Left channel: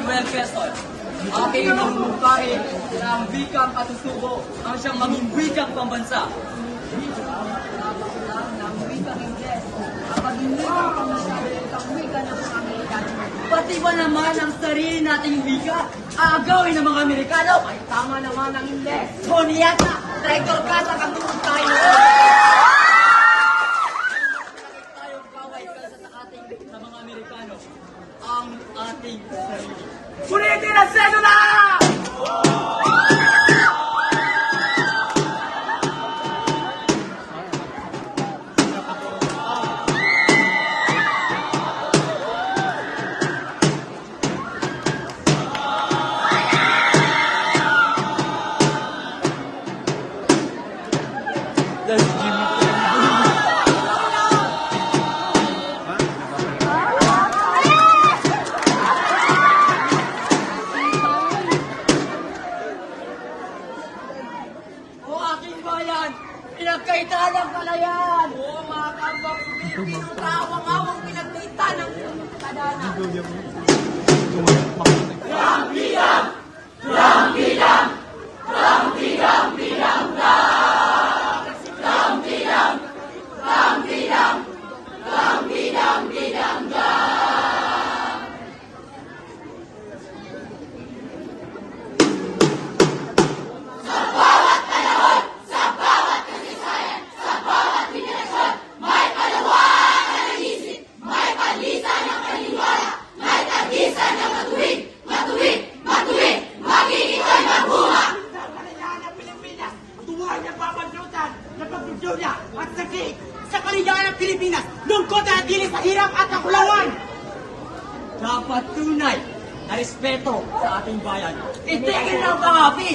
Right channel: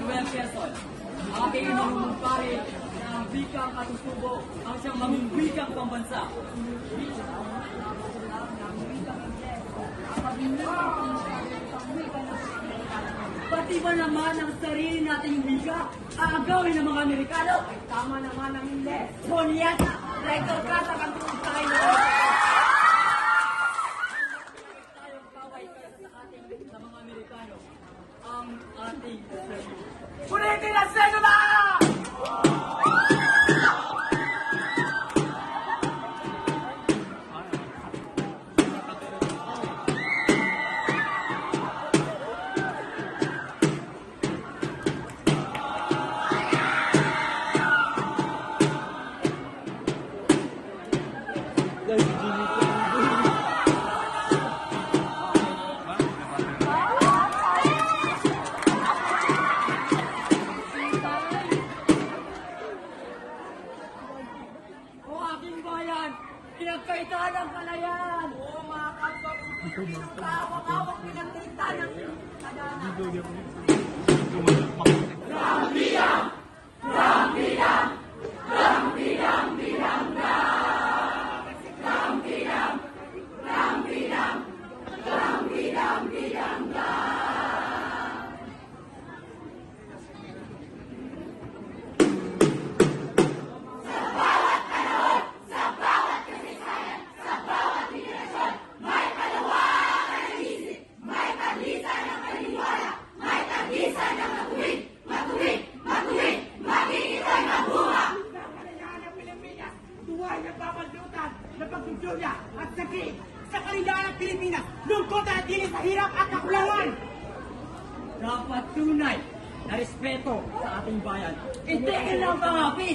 Manuel Quezon. Aking mamumukahin ng wikang katutubo ang siyang maging wikang pambansa. Ng wikang Ingles, ang maging wikang pamasahe ng wika ng mga Amerikano. Pati ba naman ang sarili nating wika, aagawin ng mga Amerikano? Ay tama naman ang Ingles. Tonyata, traitor ka sa katulog tayo. Tayong kaway kaysa sa ating sa mga Amerikano, ang ating sarili. Punitin ang sedula! O aking bayan, pinagkaitan ng palayan! Oo, mga kapwa ko, Pilipino tawang-awang pinagkita ng kadana. Sa kaligayahan ng Pilipinas, tuwa niya papandutan na pagdudulya at sakit. Sa kaligayahan ng Pilipinas, lungkot at dili sa hirap at kakulawan. Dapat tunay na respeto sa ating bayan. Itigil ang pangapi!